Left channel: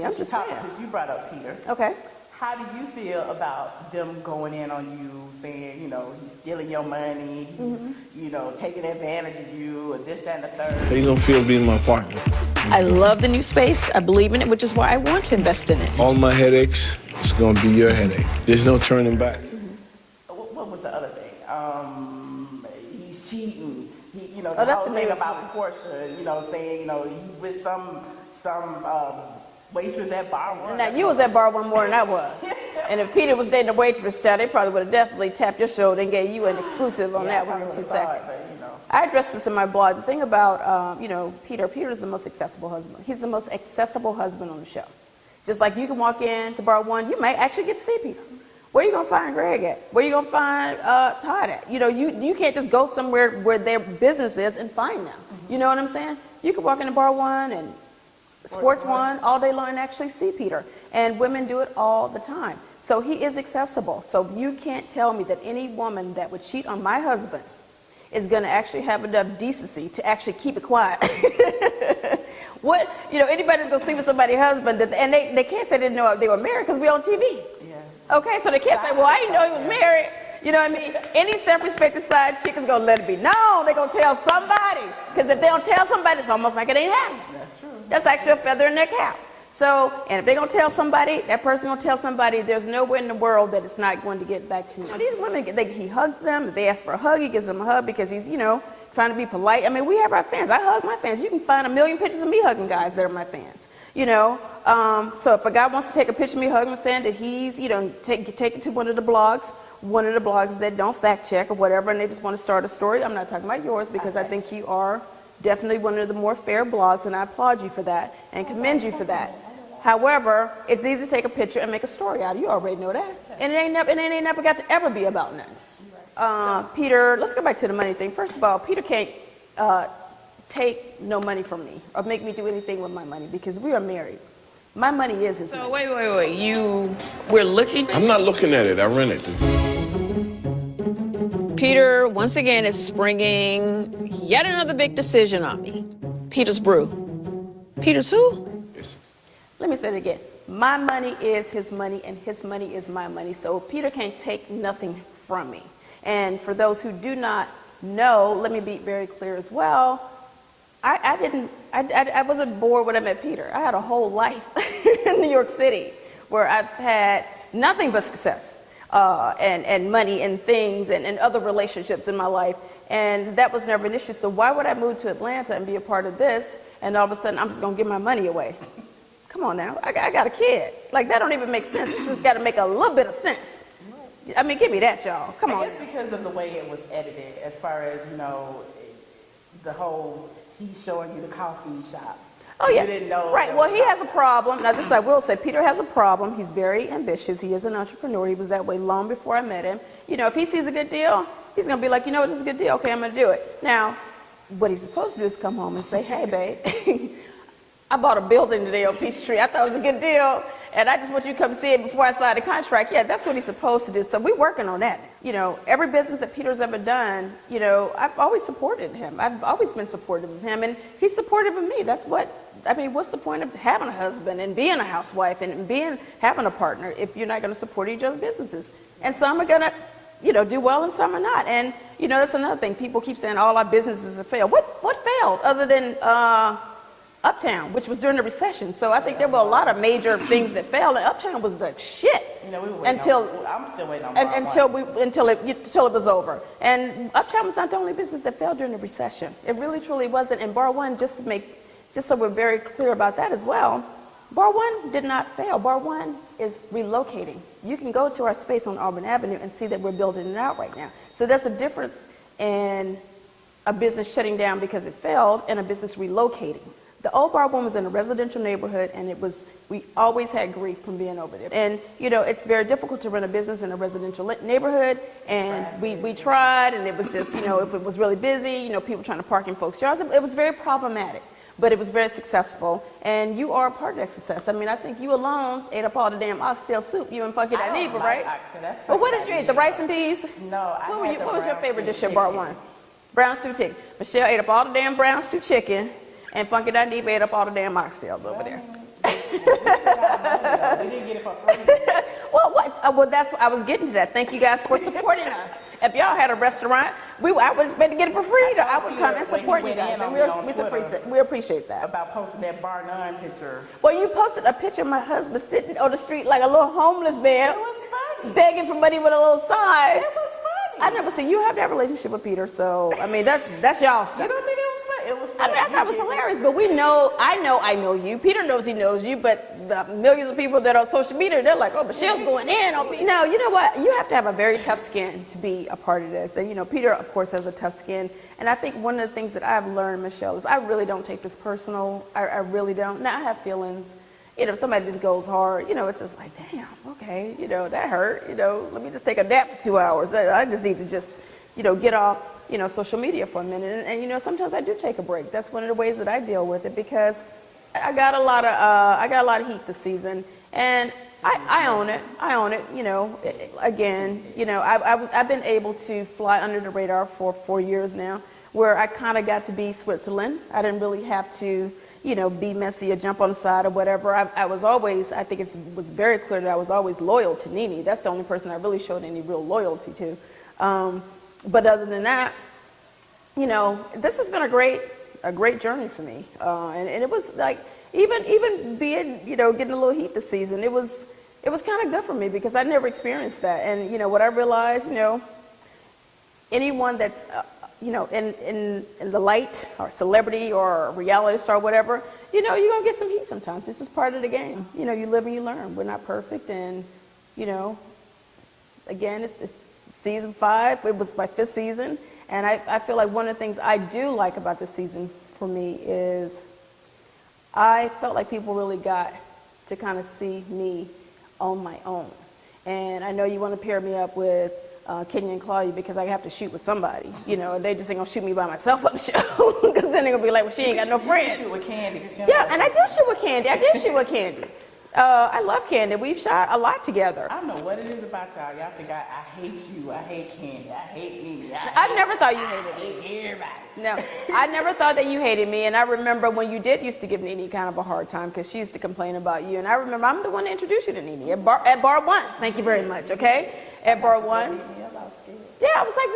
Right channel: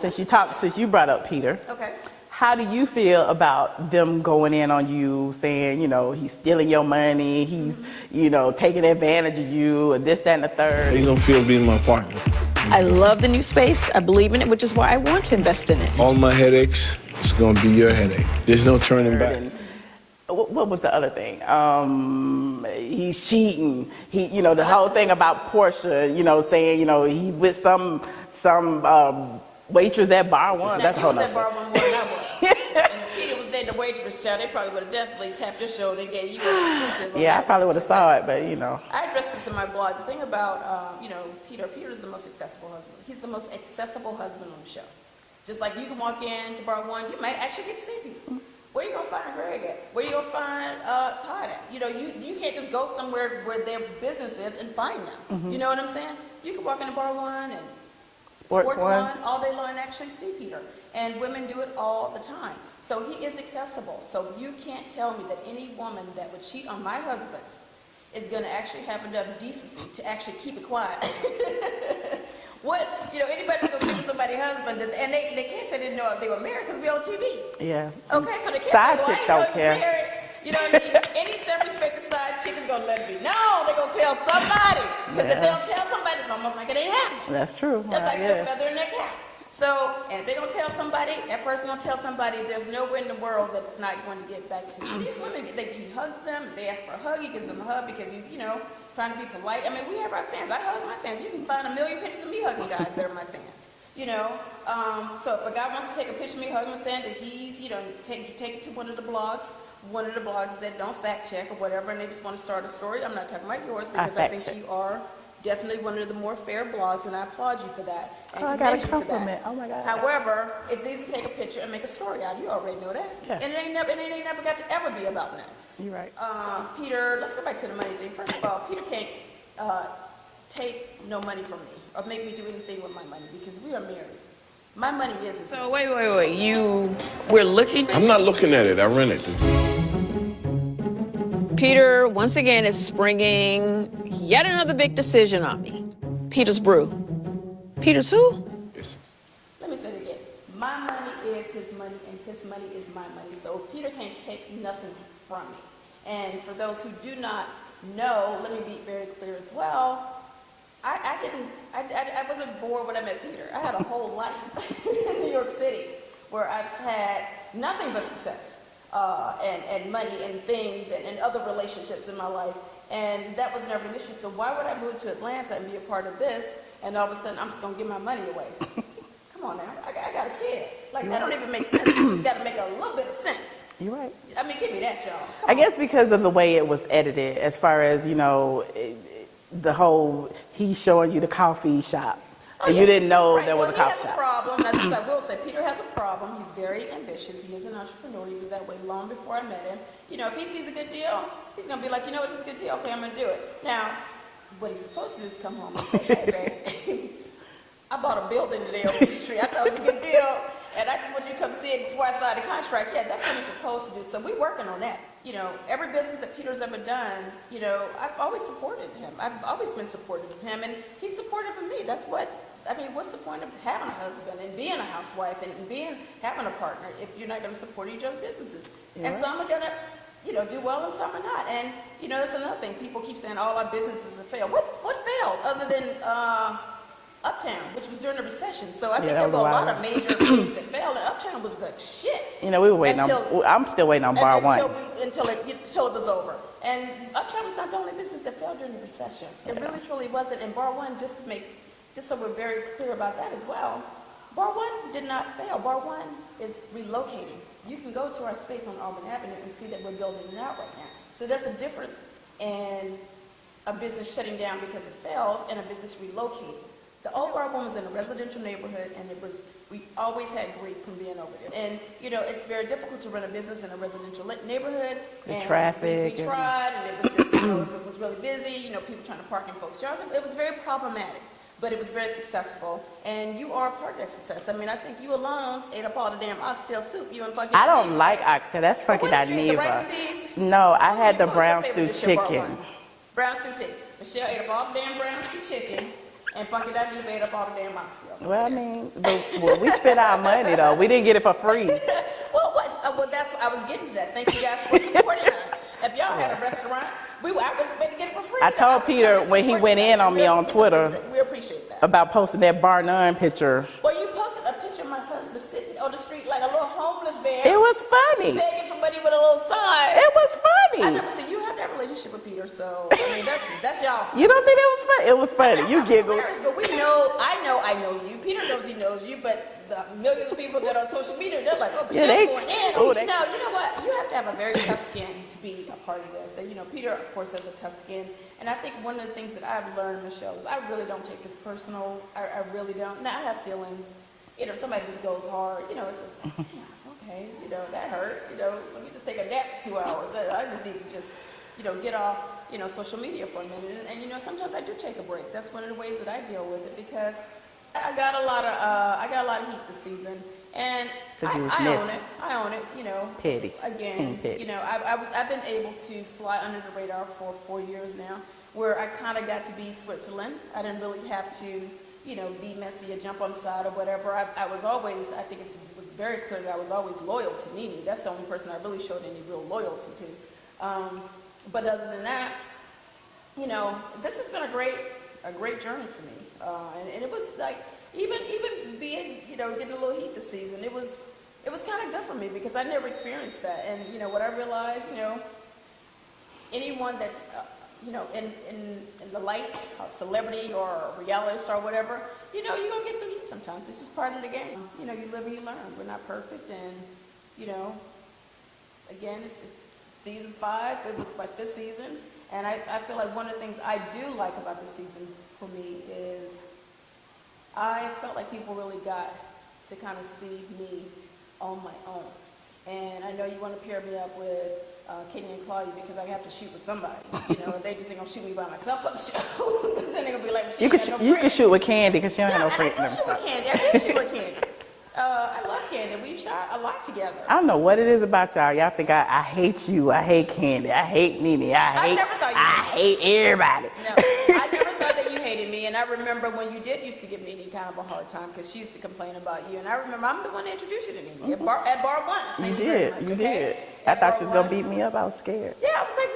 Since you brought up Peter, Okay. how do you feel about them going in on you, saying, he's stealing your money, he's, taking advantage of you, and this, that, and the third? How you gonna feel being my partner? I love the new space. I believe in it, which is why I want to invest in it. All my headaches, it's gonna be your headache. There's no turning back. What was the other thing? He's cheating. The whole thing about Portia, saying, he with some waitress at Bar One. Now, you was at Bar One more than I was. And if Peter was dating a waitress, child, they probably would have definitely tapped your shoulder and gave you an exclusive on that. Yeah, I probably would have saw it, but I addressed this in my blog. The thing about, Peter's the most accessible husband. He's the most accessible husband on the show. Just like you can walk in to Bar One, you might actually get to see Peter. Where are you going to find Greg at? Where are you going to find Todd at? You can't just go somewhere where their business is and find them. Mm-hmm. You know what I'm saying? You can walk into Bar One and Sports One all day long and actually see Peter. And women do it all the time. So he is accessible. So you can't tell me that any woman that would cheat on my husband is going to actually have enough decency to actually keep it quiet. Anybody who's going to sleep with somebody's husband, and they can't say they didn't know they were married because we're on TV. Yeah. Okay, so they can't say, well, I didn't know he was married. You know what I mean? Any self-respecting side chick is going to let it be. No, they're going to tell somebody. Because if they don't tell somebody, it's almost like it ain't happening. That's true. That's actually a feather in their cap. So, and if they're going to tell somebody, that person going to tell somebody, there's nowhere in the world that it's not going to get back to you. These women, he hugs them. If they ask for a hug, he gives them a hug because he's, trying to be polite. I mean, we have our fans. I hug my fans. You can find a million pictures of me hugging guys that are my fans. So if a guy wants to take a picture of me hugging him saying that he's, take it to one of the blogs that don't fact check or whatever, and they just want to start a story. I'm not talking about yours because I think you are definitely one of the more fair blogs, and I applaud you for that and commend you for that. Oh my God. However, it's easy to take a picture and make a story out of it. You already know that. Yeah. And it ain't never got to ever be about nothing. You're right. Peter, let's go back to the money thing. First of all, Peter can't take no money from me or make me do anything with my money because we are married. My money is his money. So wait. We're looking? I'm not looking at it, I rent it. Peter, once again, is springing yet another big decision on me. Peter's brew. Peter's who? Yes. Let me say it again. My money is his money, and his money is my money. So Peter can't take nothing from me. And for those who do not know, let me be very clear as well. I wasn't bored when I met Peter. I had a whole life in New York City where I've had nothing but success and money and things and other relationships in my life. And that was never an issue. So why would I move to Atlanta and be a part of this, and all of a sudden I'm just going to give my money away? Come on now. I got a kid. Like, that don't even make sense. This has got to make a little bit of sense. You're right. I mean, give me that, y'all. Come on. I guess because of the way it was edited, as far as, the whole, he's showing you the coffee shop. Oh, yeah. You didn't know. Right. There Well, was he a has a coffee shop. problem. Now, this I will say, Peter has a problem. He's very ambitious. He is an entrepreneur. He was that way long before I met him. If he sees a good deal, he's going to be like, this is a good deal. Okay, I'm going to do it. Now, what he's supposed to do is come home and say, hey, babe, I bought a building today on Peachtree. I thought it was a good deal, and I just want you to come see it before I sign the contract. Yeah, that's what he's supposed to do. So we're working on that. Every business that Peter's ever done, I've always supported him. I've always been supportive of him, and he's supportive of me. What's the point of having a husband and being a housewife and having a partner if you're not going to support each other's businesses? Yeah. And some are going to, do well and some are not. And, that's another thing. People keep saying all our businesses have failed. What failed other than Uptown, which was during the recession? So I think there were a lot of major things that failed, and Uptown was the shit. We were waiting I'm still waiting on Bar One. Until it was over. And Uptown was not the only business that failed during the recession. It really, truly wasn't. And Bar One, just so we're very clear about that as well, Bar One did not fail. Bar One is relocating. You can go to our space on Auburn Avenue and see that we're building it out right now. So there's a difference in a business shutting down because it failed and a business relocating. The old Bar One was in a residential neighborhood, and we always had grief from being over there. And, it's very difficult to run a business in a residential neighborhood. And we tried, and it was just, if it was really busy, people trying to park in folks' yards, it was very problematic. But it was very successful, and you are a part of that success. I mean, I think you alone ate up all the damn oxtail soup. You and fucking I don't like oxtail. That's fucking what did you eat? The rice and peas? No, I had the brown stew chicken. Brown stew chicken. Michelle ate up all the damn brown stew chicken. And Funky Dundee made up all the damn oxtails. Well, I mean, we spent our money, though. We didn't get it for free. Well, that's I was getting to that. Thank you guys for supporting us. If y'all had a restaurant, I would expect to get it for free. I told Peter when he went in on me on Twitter. We appreciate that. About posting that bar none picture. Well, you posted a picture of my husband sitting on the street like a little homeless man. It was funny. Begging for money with a little sign. It was funny. I never seen you have that relationship with Peter, so I mean that's y'all stuff. You don't think it was funny? It was funny. I mean, it was hilarious, but I know you. Peter knows he knows you, but the millions of people that are on social media, they're like, oh, Michelle's going in on me. No, you know what? You have to have a very tough skin to be a part of this. And, Peter, of course, has a tough skin. And I think one of the things that I've learned, Michelle, is I really don't take this personal. I really don't. Now, I have feelings. If somebody just goes hard, it's just like, damn, okay, that hurt. Let me just take a nap for 2 hours. I just need to just, get off, social media for a minute. And sometimes I do take a break. That's one of the ways that I deal with it because I got a lot of heat this season, and I own it. I own it. Again, I've been able to fly under the radar for 4 years now, where I kind of got to be Switzerland. I didn't really have to, be messy or jump on the side or whatever. I was always, I think it was very clear that I was always loyal to Nene. That's the only person I really showed any real loyalty to. But other than that, this has been a great journey for me, and it was like even being getting a little heat this season. It was kind of good for me because I never experienced that. And what I realized, anyone that's in the light or celebrity or reality star, whatever, you're gonna get some heat sometimes. This is part of the game. You live and you learn. We're not perfect, and again, it's season 5. It was my 5th season. And I feel like one of the things I do like about this season for me is I felt like people really got to kind of see me on my own. And I know you want to pair me up with Kenya and Claudia because I have to shoot with somebody. They just ain't going to shoot me by myself on the show because then they're going to be like, well, she ain't got no friends. You can shoot with Candy because she don't have no friends. Yeah, and I do shoot with Candy. I did shoot with Candy. I love Candy. We've shot a lot together. I don't know what it is about y'all. Y'all think I hate you. I hate Candy. I hate Nene. I never thought you hated me. I hate everybody. No, I never thought that you hated me. And I remember when you did used to give Nene kind of a hard time because she used to complain about you. And I remember I'm the one that introduced you to Nene at bar 1. Thank you very much. Okay. I thought she was going to beat me up. I was scared. Yeah, I was like,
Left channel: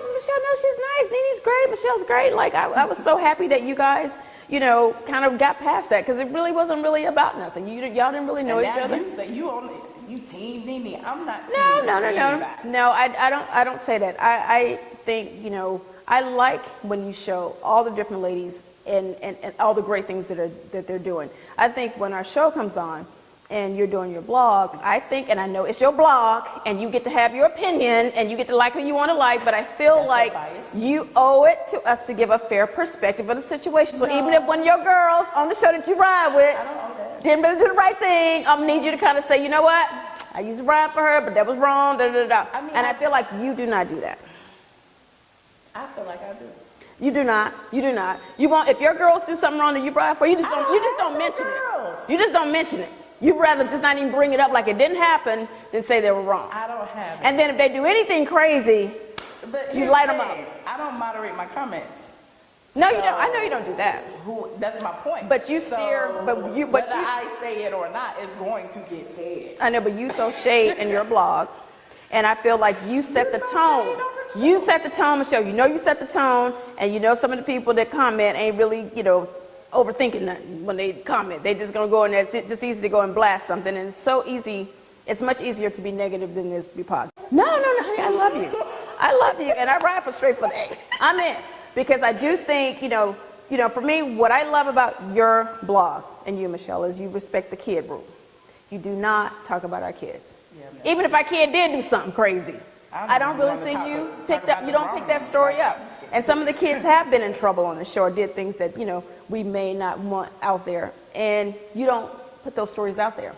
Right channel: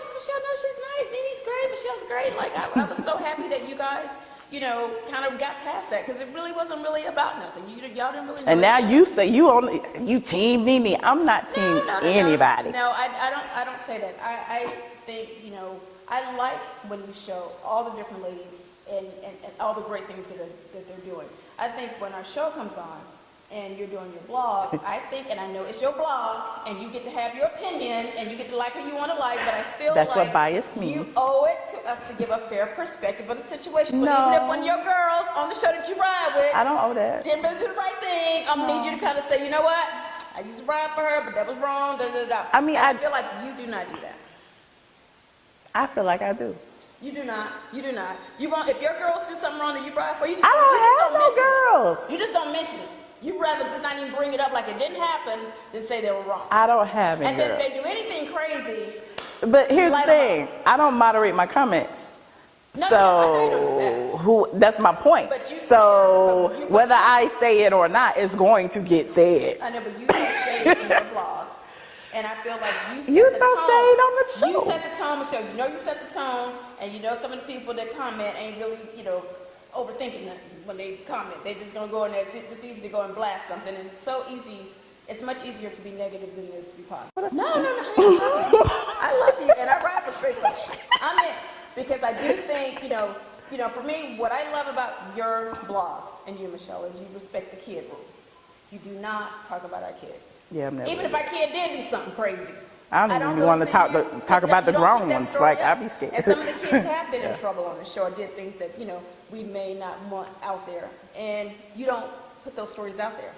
Michelle, no, she's nice. Nene's great. Michelle's great. Like, I was so happy that you guys, kind of got past that because it really wasn't really about nothing. Y'all didn't really know. And now you say you team Nene. I'm not team anybody. No, I don't say that. I think, I like when you show all the different ladies and all the great things that they're doing. I think when our show comes on, and you're doing your blog, I think, and I know it's your blog, and you get to have your opinion, and you get to like who you want to like, but I feel like you owe it to us to give a fair perspective of the situation. So even if one of your girls on the show that you ride with, I don't owe that. Didn't really do the right thing, I'm gonna need you to kind of say, you know what, I used to ride for her, but that was wrong, da, da, da. I feel like you do not do that. I feel like I do. You do not. You won't, if your girls do something wrong that you ride for, you just don't mention it. You just don't mention it. You'd rather just not even bring it up like it didn't happen than say they were wrong. I don't have any. And then if they do anything crazy, but here's the thing, I don't moderate my comments. No, you don't. I know you don't do that. That's my point. But you whether I say it or not, it's going to get said. I know, but you throw shade in your blog. And I feel like you set the tone. Shade on the show. You set the tone, Michelle. You set the tone, and some of the people that comment ain't really, overthinking nothing when they comment. They just gonna go in there. It's just easy to go and blast something, and it's so easy. It's much easier to be negative than it is to be positive. No, honey, I love you. I love you, and I ride for StraightFromTheA. I'm in because I do think, for me, what I love about your blog and you, Michelle, is you respect the kid rule. You do not talk about our kids. Yeah, even if our kid did do something crazy. I don't even want to talk about the grown ones. Like, I'd be scared. And some of the kids have been in trouble on the show or did things that, we may not want out there. And you don't put those stories out there.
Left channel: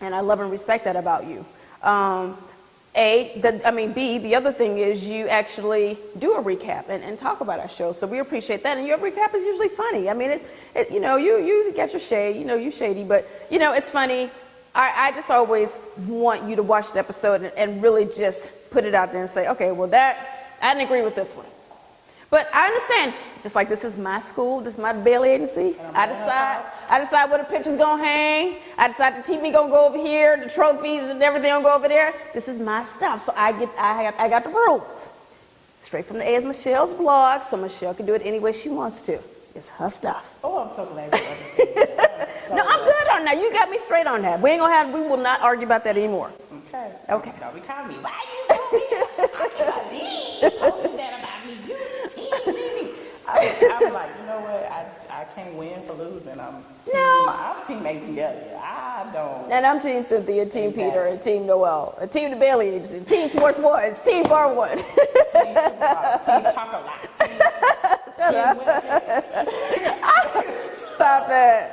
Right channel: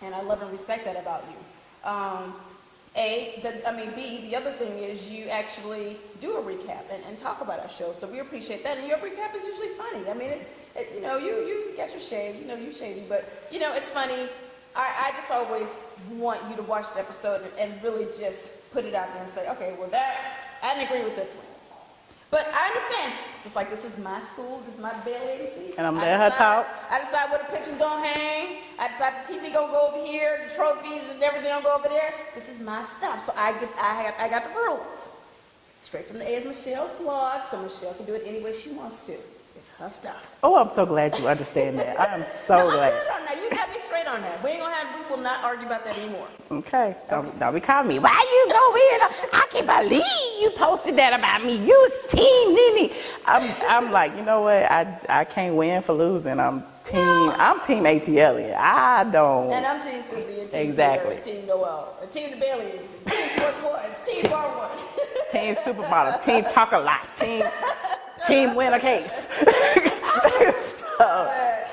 And I love and respect that about you. B, the other thing is you actually do a recap and talk about our show. So we appreciate that. And your recap is usually funny. I mean, you get your shade, you shady, but, it's funny. I just always want you to watch the episode and really just put it out there and say, okay, well, I didn't agree with this one. But I understand, just like this is my school, this is my Bailey agency. And I'm letting her talk. I decide where the picture's gonna hang. I decide the TV gonna go over here, the trophies and everything gonna go over there. This is my stuff, so I got the rules. Straight from the A is Michelle's blog, so Michelle can do it any way she wants to. It's her stuff. Oh, I'm so glad you understand that. I'm so No, I'm glad. good on that. You got me straight on that. We will not argue about that anymore. Okay. Okay. Don't be calling me. Why you go in? I can't believe you posted that about me. You team Nene. I'm like, you know what? I can't win for losing. I'm team ATLien. I don't. And I'm Team Cynthia, Team Exactly. Peter, Team Noel, Team the Bailey Agency, Team Force Boys, Team Bar One. Team Supermodel. Team Talk a Lot. Team Win a Case. Stop it.